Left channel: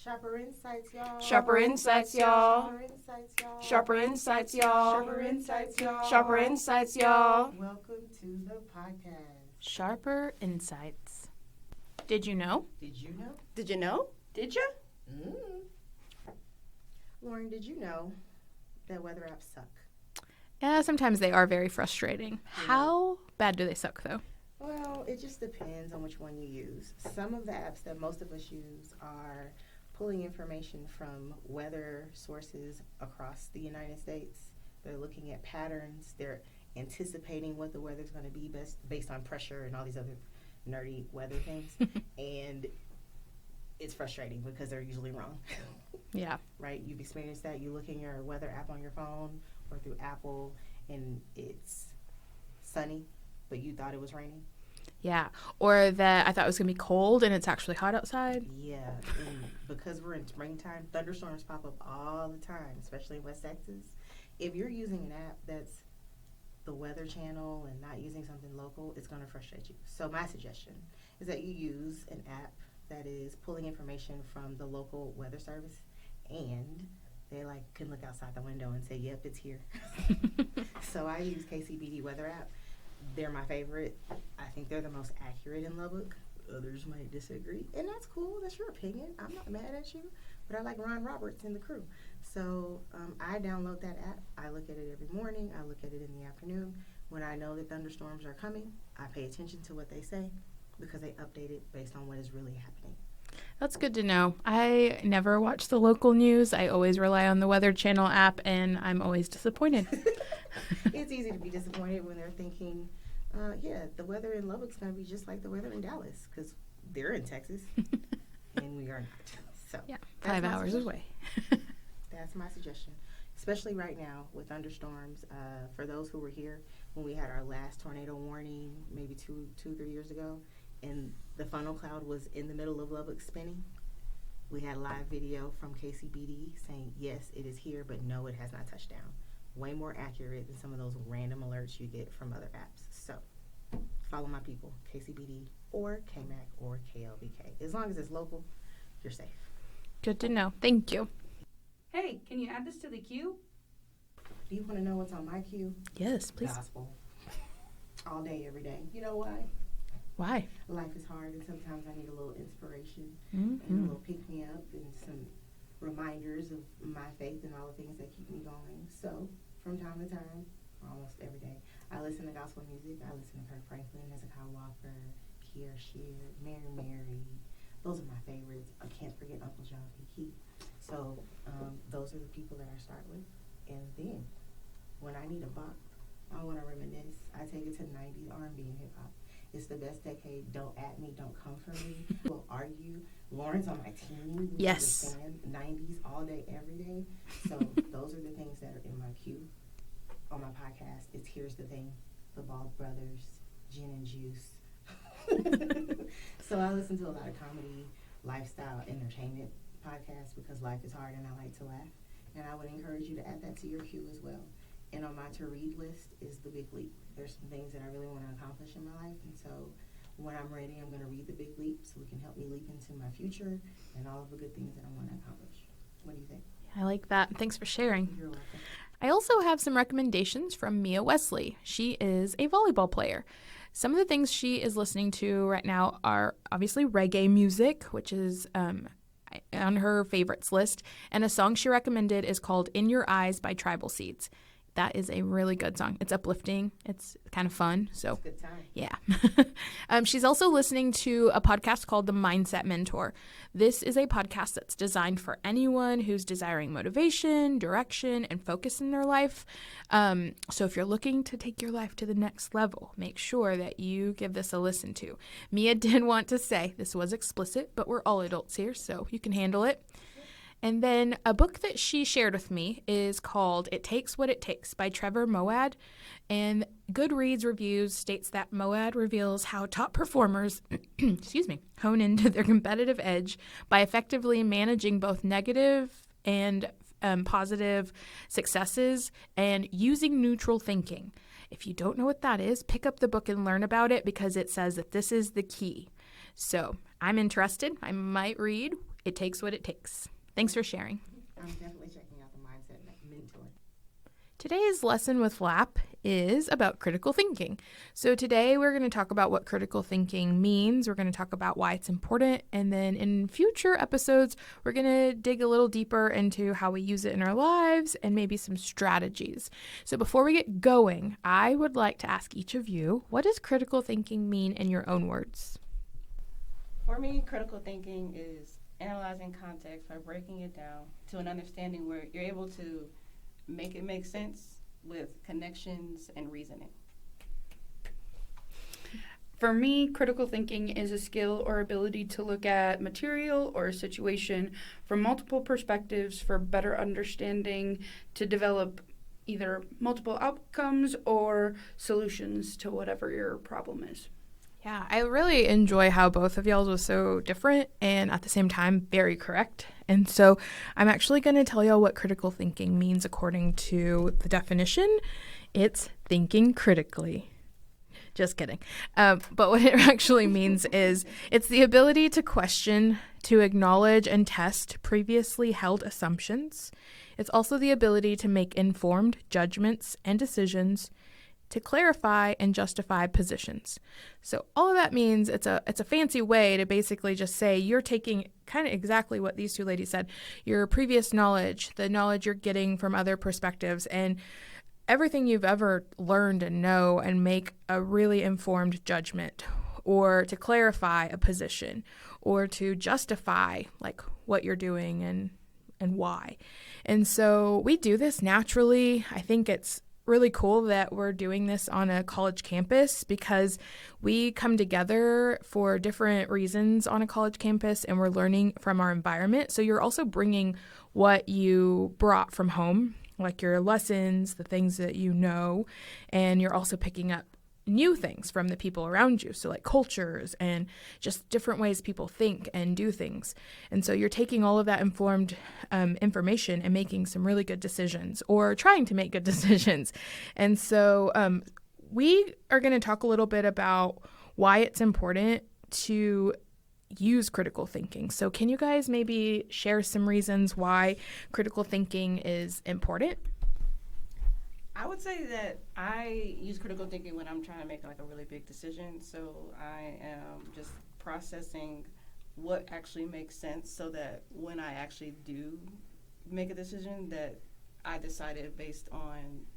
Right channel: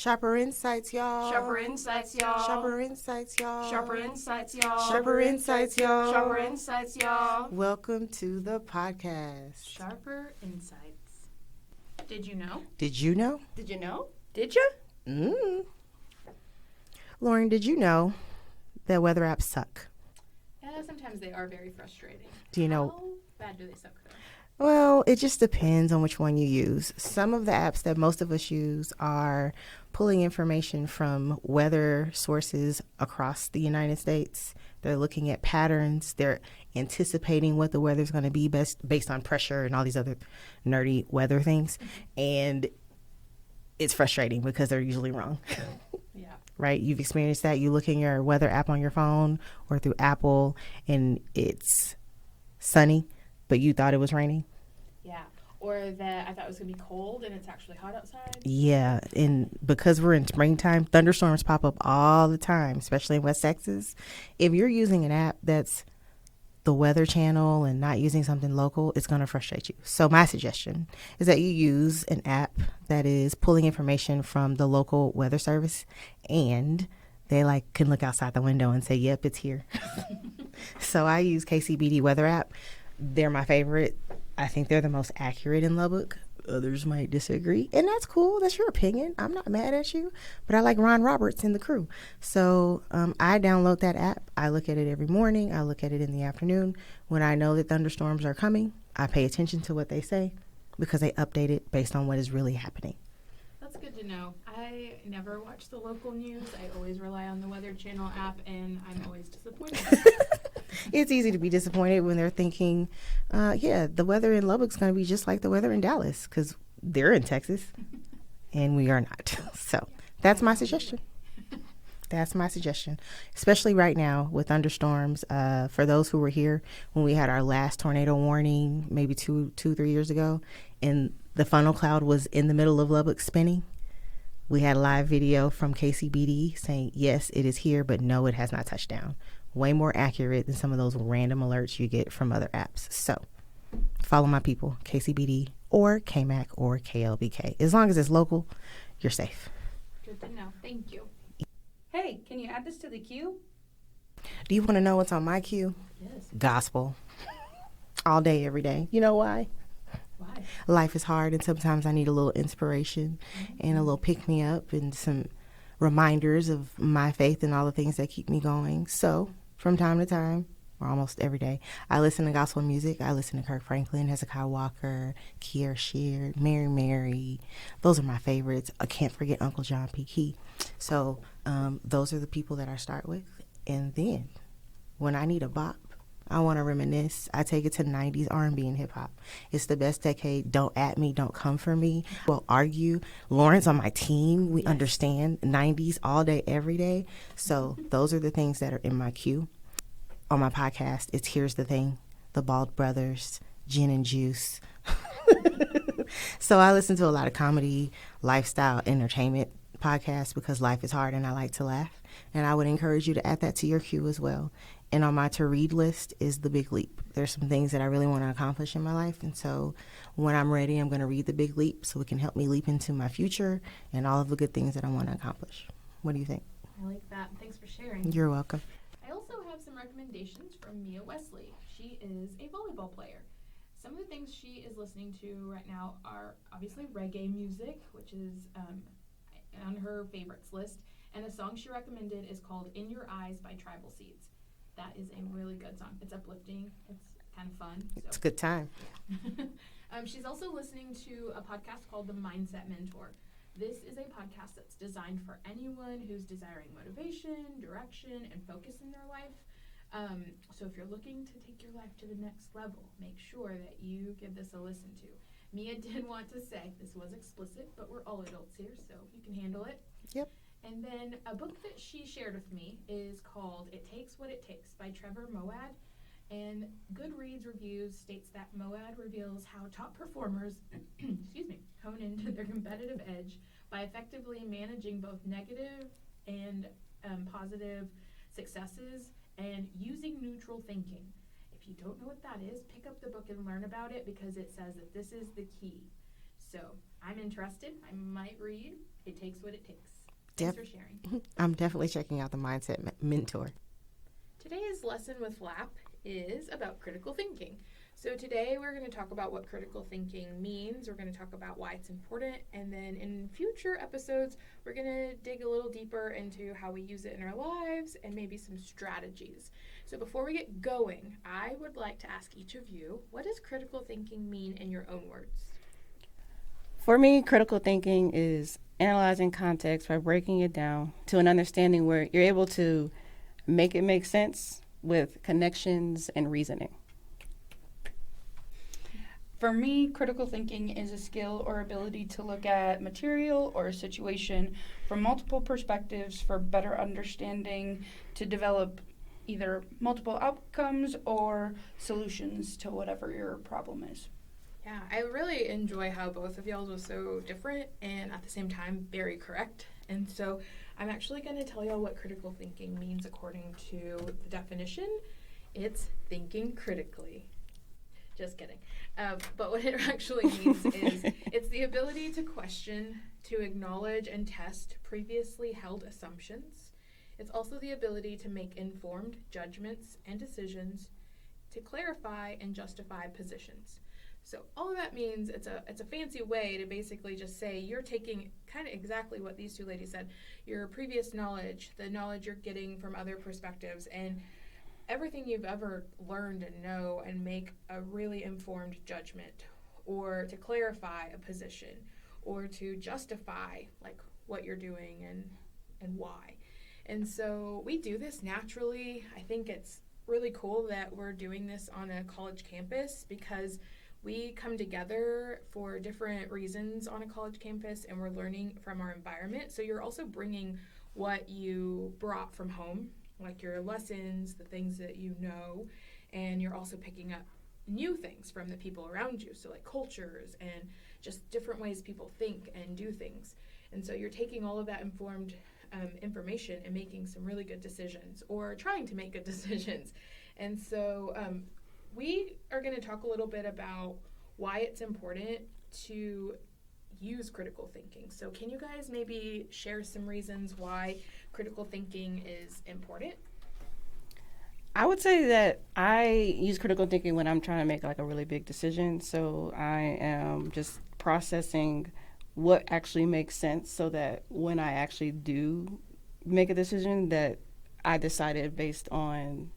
Sharper insights, y'all. Sharper insights, y'all. Sharper insights, y'all. Sharper insights, y'all. Sharper insights, y'all. Sharper insights, y'all. Welcome to the podcast. Sharper insights. Did you know? Did you know? Did you know? Did you? Lauren, did you know that weather apps suck? Yeah, sometimes they are very frustrating. How bad do they suck, though? Well, it just depends on which one you use. Some of the apps that most of us use are pulling information from weather sources across the United States. They're looking at patterns. They're anticipating what the weather's going to be based on pressure and all these other nerdy weather things. And it's frustrating because they're usually wrong. Yeah. Right? You've experienced that. You look in your weather app on your phone or through Apple and it's sunny, but you thought it was raining. Yeah. Or that I thought it was going to be cold and it's actually hot outside. Yeah. And because we're in springtime, thunderstorms pop up all the time, especially in West Texas. If you're using an app that's the Weather Channel and not using something local, it's going to frustrate you. So my suggestion is that you use an app that is pulling information from the local weather service, and they can look outside the window and say, yep, it's here. So I use KCBD weather app. They're my favorite. I think they're the most accurate in Lubbock. Others might disagree, and that's cool. That's your opinion. I'm not mad at you, but I like Ron Roberts and the crew. So I download that app. I look at it every morning. I look at it in the afternoon. When I know that thunderstorms are coming, I pay attention to what they say because they update it based on what is really happening. That's good to know. I never watch the local news. I always rely on the Weather Channel app, and I'm always disappointed. It's easy to be disappointed when they're thinking, the weather in Lubbock's going to be just like the weather in Dallas because they're in Texas and we are not. So that's my suggestion. That's my suggestion, especially right now with thunderstorms. For those who were here when we had our last tornado warning, maybe 3 years ago, and the funnel cloud was in the middle of Lubbock spinning. We had a live video from KCBD saying, yes, it is here, but no, it has not touched down. Way more accurate than some of those random alerts you get from other apps. So follow my people, KCBD or KMAC or KLBK. As long as it's local, you're safe. Good to know. Thank you. Hey, can you add this to the queue? Do you want to know what's on my queue? Yes. Please. Gospel. All day, every day. You know why? Why? Life is hard, and sometimes I need a little inspiration and a little pick-me-up and some reminders of my faith and all the things that keep me going. So from time to time, or almost every day, I listen to gospel music. I listen to Kirk Franklin, Hezekiah Walker, Kiera Sheard, Mary. Those are my favorites. I can't forget Uncle John P. Key. So those are the people that I start with. And then when I need a bop, I want to reminisce. I take it to 90s R&B and hip-hop. It's the best decade. Don't at me. Don't come for me. We'll argue. Lawrence on my team. We understand 90s all day, every day. So those are the things that are in my queue. On my podcast, it's Here's the Thing, The Bald Brothers, Gin and Juice. So I listen to a lot of comedy, lifestyle, entertainment podcasts because life is hard and I like to laugh. And I would encourage you to add that to your queue as well. And on my to-read list is The Big Leap. There's some things that I really want to accomplish in my life. And so when I'm ready, I'm going to read The Big Leap so it can help me leap into my future and all of the good things that I want to accomplish. What do you think? I like that. Thanks for sharing. You're welcome. I also have some recommendations from Mia Wesley. She is a volleyball player. Some of the things she is listening to right now are obviously reggae music, which is on her favorites list. And a song she recommended is called In Your Eyes by Tribal Seeds. That is a really good song. It's uplifting. It's kind of fun. So it's a good time. Yeah. She's also listening to a podcast called The Mindset Mentor. This is a podcast that's designed for anyone who's desiring motivation, direction, and focus in their life. So if you're looking to take your life to the next level, make sure that you give this a listen to. Mia did want to say this was explicit, but we're all adults here, so you can handle it. Yep. And then a book that she shared with me is called It Takes What It Takes by Trevor Moawad. And Goodreads Reviews states that Moawad reveals how top performers hone into their competitive edge by effectively managing both negative and positive successes and using neutral thinking. If you don't know what that is, pick up the book and learn about it because it says that this is the key. So I'm interested. I might read. it takes what it takes. Thanks for sharing. I'm definitely checking out the Mindset Mentor. Today's lesson with Flap is about critical thinking. So today we're going to talk about what critical thinking means. We're going to talk about why it's important. And then in future episodes, we're going to dig a little deeper into how we use it in our lives and maybe some strategies. So before we get going, I would like to ask each of you, what does critical thinking mean in your own words? For me, critical thinking is analyzing context by breaking it down to an understanding where you're able to make it make sense with connections and reasoning. For me, critical thinking is a skill or ability to look at material or a situation from multiple perspectives for better understanding, to develop either multiple outcomes or solutions to whatever your problem is. Yeah, I really enjoy how both of y'all was so different and at the same time very correct. And so I'm actually going to tell y'all what critical thinking means according to the definition. It's thinking critically. Just kidding. But what it actually means is it's the ability to question, to acknowledge and test previously held assumptions. It's also the ability to make informed judgments and decisions, to clarify and justify positions. So all of that means it's a fancy way to basically just say you're taking kind of exactly what these two ladies said, your previous knowledge, the knowledge you're getting from other perspectives, and everything you've ever learned and know, and make a really informed judgment, or to clarify a position, or to justify like what you're doing and why. And so we do this naturally. I think it's really cool that we're doing this on a college campus because we come together for different reasons on a college campus and we're learning from our environment. So you're also bringing what you brought from home, like your lessons, the things that you know, and you're also picking up new things from the people around you. So like cultures and just different ways people think and do things. And so you're taking all of that informed information and making some really good decisions, or trying to make good decisions. And so we are going to talk a little bit about why it's important to use critical thinking. So can you guys maybe share some reasons why critical thinking is important? I would say that I use critical thinking when I'm trying to make like a really big decision. So I am just processing what actually makes sense so that when I actually do make a decision that I decided based on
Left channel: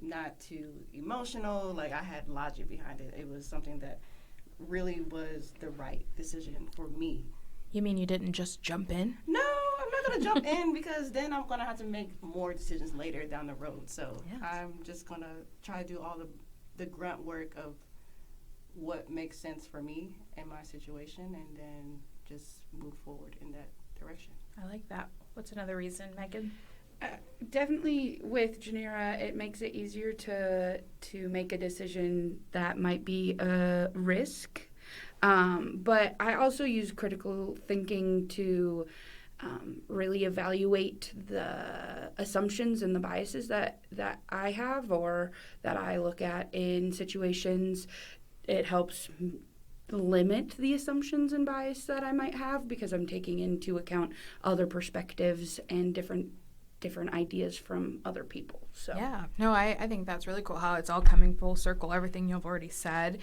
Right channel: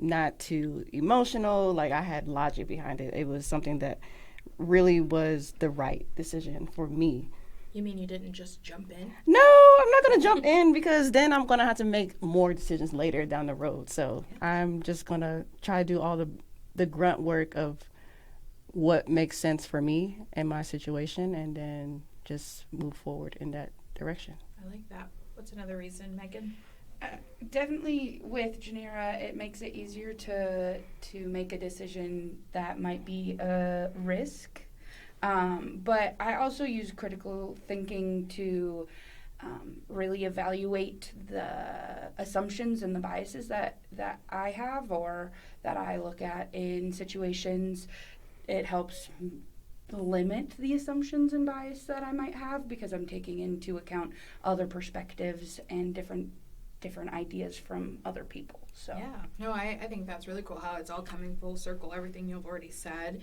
not too emotional, like I had logic behind it. It was something that really was the right decision for me. You mean you didn't just jump in? No, I'm not going to jump in because then I'm going to have to make more decisions later down the road. So I'm just going to try to do all the grunt work of what makes sense for me and my situation, and then just move forward in that direction. I like that. What's another reason, Megan? Definitely with Janera, it makes it easier to make a decision that might be a risk. But I also use critical thinking to really evaluate the assumptions and the biases that I have or that I look at in situations. It helps limit the assumptions and bias that I might have because I'm taking into account other perspectives and different ideas from other people. So yeah, no, I think that's really cool how it's all coming full circle, everything you've already said.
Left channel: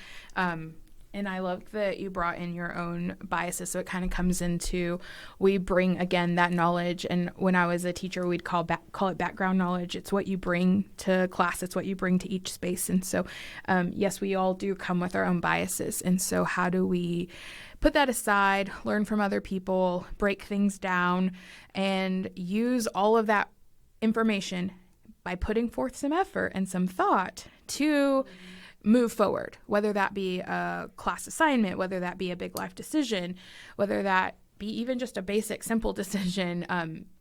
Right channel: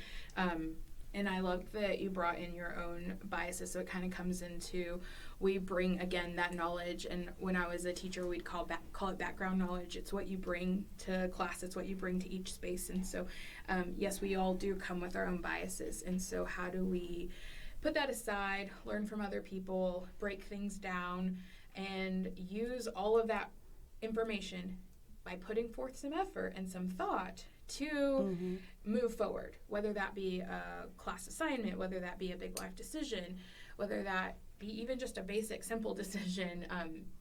And I love that you brought in your own biases. So it kind of comes into, we bring, again, that knowledge. And when I was a teacher, we'd call it background knowledge. It's what you bring to class. It's what you bring to each space. And so, yes, we all do come with our own biases. And so how do we put that aside, learn from other people, break things down, and use all of that information by putting forth some effort and some thought to move forward, whether that be a class assignment, whether that be a big life decision, whether that be even just a basic, simple decision,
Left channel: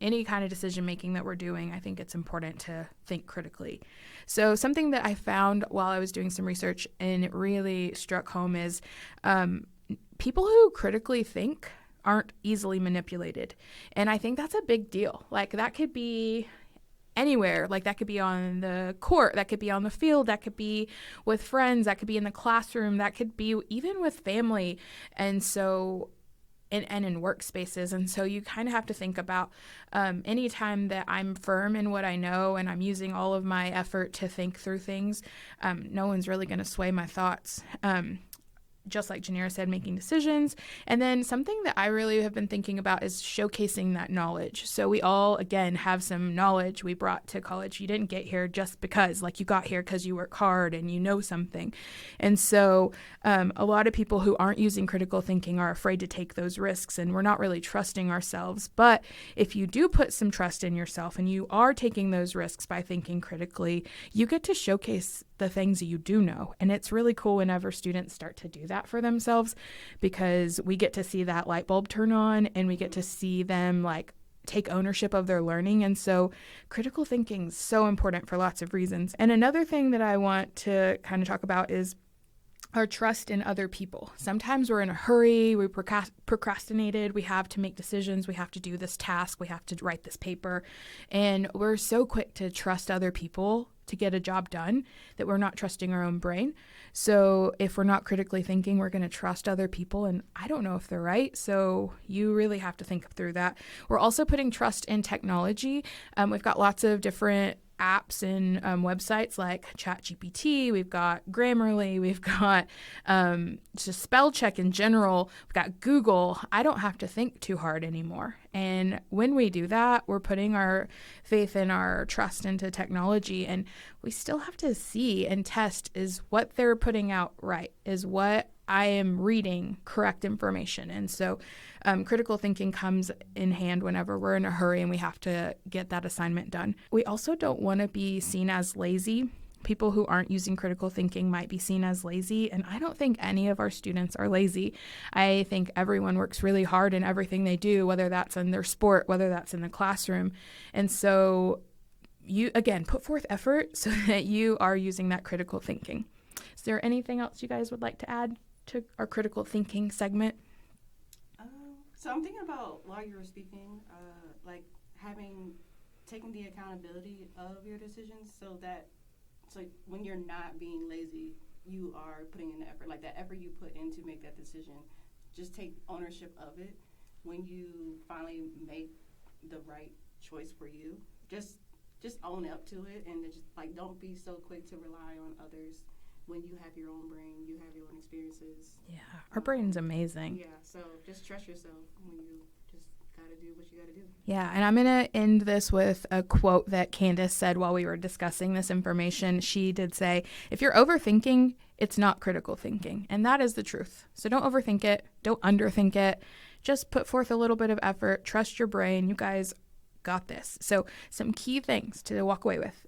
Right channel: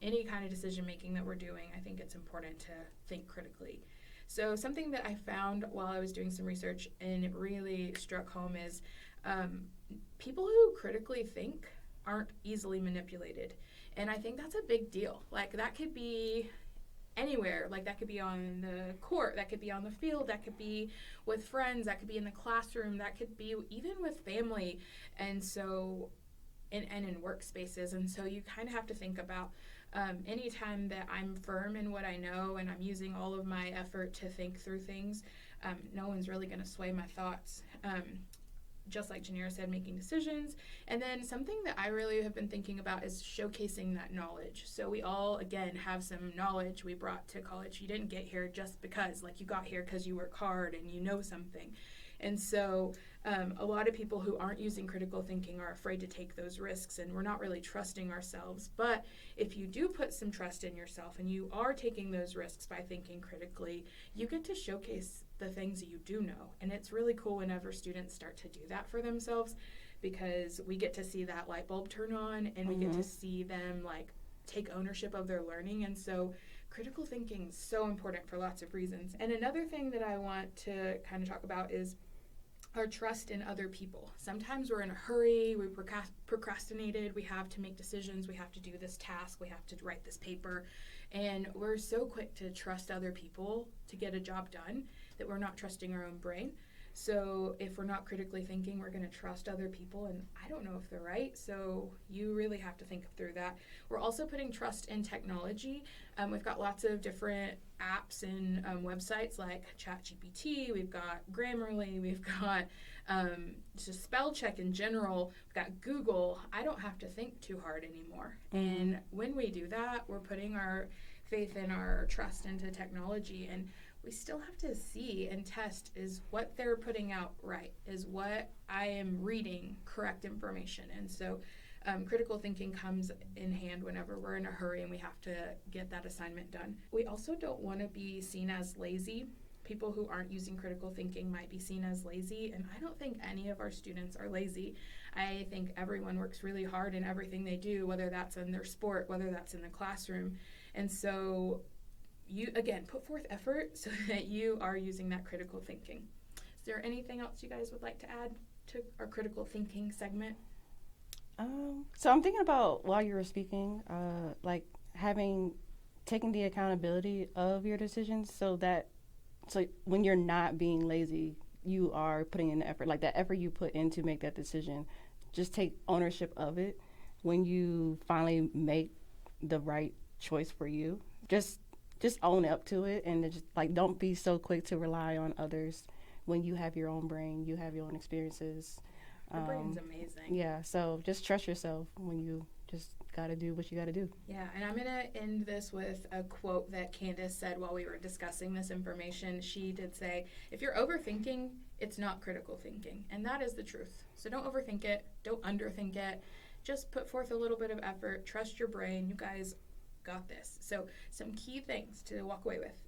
any kind of decision making that we're doing. I think it's important to think critically. So something that I found while I was doing some research and it really struck home is people who critically think aren't easily manipulated. And I think that's a big deal. Like that could be anywhere. Like that could be on the court, that could be on the field, that could be with friends, that could be in the classroom, that could be even with family. And so and in workspaces. And so you kind of have to think about anytime that I'm firm in what I know and I'm using all of my effort to think through things, no one's really going to sway my thoughts. Just like Janera said, making decisions. And then something that I really have been thinking about is showcasing that knowledge. So we all, again, have some knowledge we brought to college. You didn't get here just because, like you got here because you work hard and you know something. And so a lot of people who aren't using critical thinking are afraid to take those risks, and we're not really trusting ourselves. But if you do put some trust in yourself and you are taking those risks by thinking critically, you get to showcase the things you do know. And it's really cool whenever students start to do that for themselves, because we get to see that light bulb turn on and we get to see them like take ownership of their learning. And so critical thinking is so important for lots of reasons. And another thing that I want to kind of talk about is our trust in other people. Sometimes we're in a hurry, we procrastinated, we have to make decisions, we have to do this task, we have to write this paper, and we're so quick to trust other people to get a job done that we're not trusting our own brain. So if we're not critically thinking, we're going to trust other people, and I don't know if they're right, so you really have to think through that. We're also putting trust in technology. We've got lots of different apps and websites like ChatGPT, we've got Grammarly, we've got just spell check in general, we've got Google. I don't have to think too hard anymore. And when we do that, we're putting our faith and our trust into technology, and we still have to see and test, is what they're putting out right? Is what I am reading correct information? And so critical thinking comes in hand whenever we're in a hurry and we have to get that assignment done. We also don't want to be seen as lazy. People who aren't using critical thinking might be seen as lazy, and I don't think any of our students are lazy. I think everyone works really hard in everything they do, whether that's in their sport, whether that's in the classroom. And so you, again, put forth effort so that you are using that critical thinking. Is there anything else you guys would like to add to our critical thinking segment? So I'm thinking about, while you were speaking, like taking the accountability of your decisions, so when you're not being lazy, you are putting in the effort, like that effort you put in to make that decision. Just take ownership of it. When you finally make the right choice for you, just own up to it, and just like don't be so quick to rely on others. When you have your own brain, you have your own experiences. Yeah, our brain's amazing. Yeah, so just trust yourself when you just got to do what you got to do. Yeah, and I'm going to end this with a quote that Candice said while we were discussing this information. She did say, if you're overthinking, it's not critical thinking. And that is the truth. So don't overthink it. Don't underthink it. Just put forth a little bit of effort. Trust your brain. You guys got this. So some key things to walk away with.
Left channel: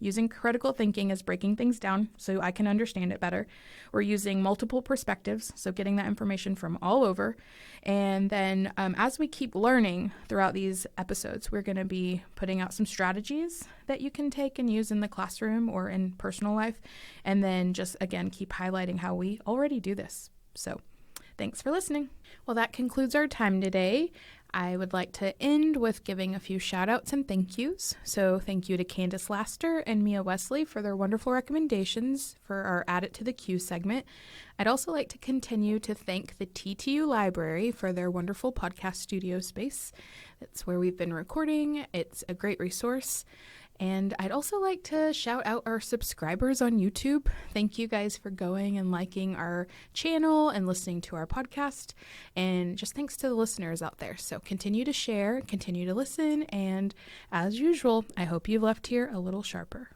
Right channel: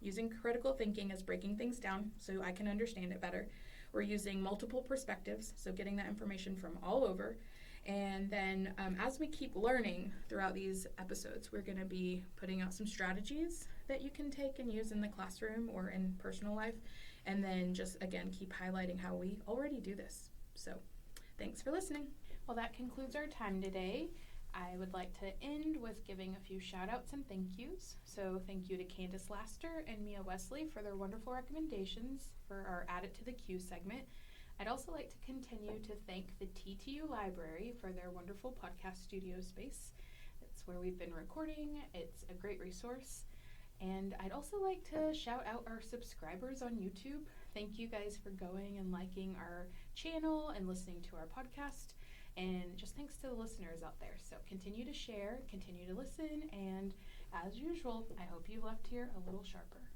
Using critical thinking is breaking things down so I can understand it better. We're using multiple perspectives, so getting that information from all over. And then as we keep learning throughout these episodes, we're going to be putting out some strategies that you can take and use in the classroom or in personal life. And then just, again, keep highlighting how we already do this. So thanks for listening. Well, that concludes our time today. I would like to end with giving a few shout outs and thank yous. So thank you to Candice Laster and Mia Wesley for their wonderful recommendations for our Add It to the Queue segment. I'd also like to continue to thank the TTU Library for their wonderful podcast studio space. That's where we've been recording. It's a great resource. And I'd also like to shout out our subscribers on YouTube. Thank you guys for going and liking our channel and listening to our podcast. And just thanks to the listeners out there. So continue to share, continue to listen, and as usual, I hope you've left here a little sharper.